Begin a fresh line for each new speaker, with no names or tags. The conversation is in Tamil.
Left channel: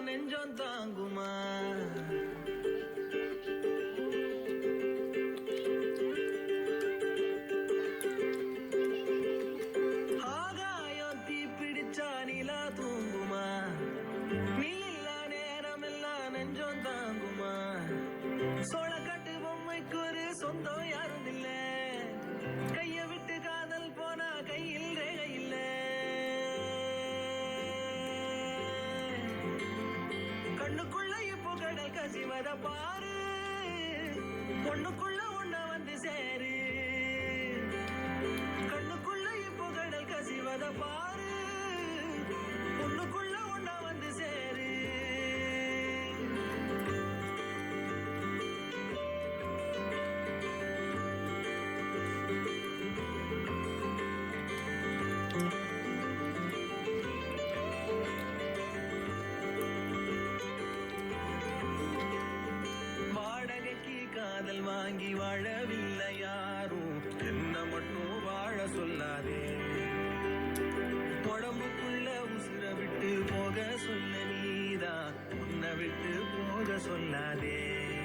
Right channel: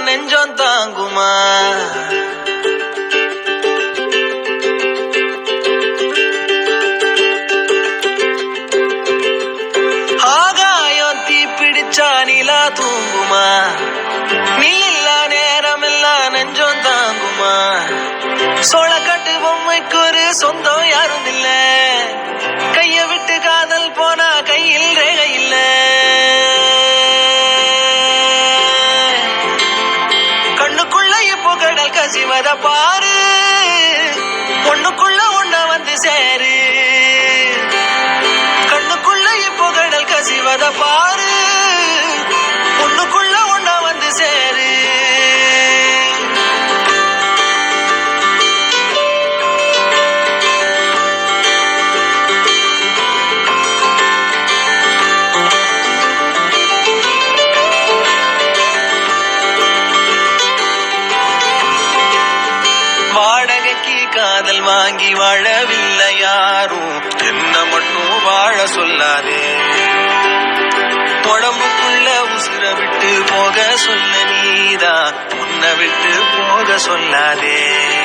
நெஞ்சம் தாங்குமா? ஆகாயம் தீ பிடிச்சா நிலா தூங்குமா? நீ இல்ல நேரம் எல்லாம் நெஞ்சம் தாங்குமா? சோளக்காட்டு பொம்மைக்கு ஒரு சொந்தம் கடல் கசிவத பாரு. ஒண்ணுக்குள்ள காதல் வாங்கி வாழவில்லை யாரும். என்ன மட்டும் வாழ சொல்லாதே. உடம்புக்குள்ள உசுர விட்டு போக சொல்ல நீதான். உன்னை விட்டு போக சொல்லாதே.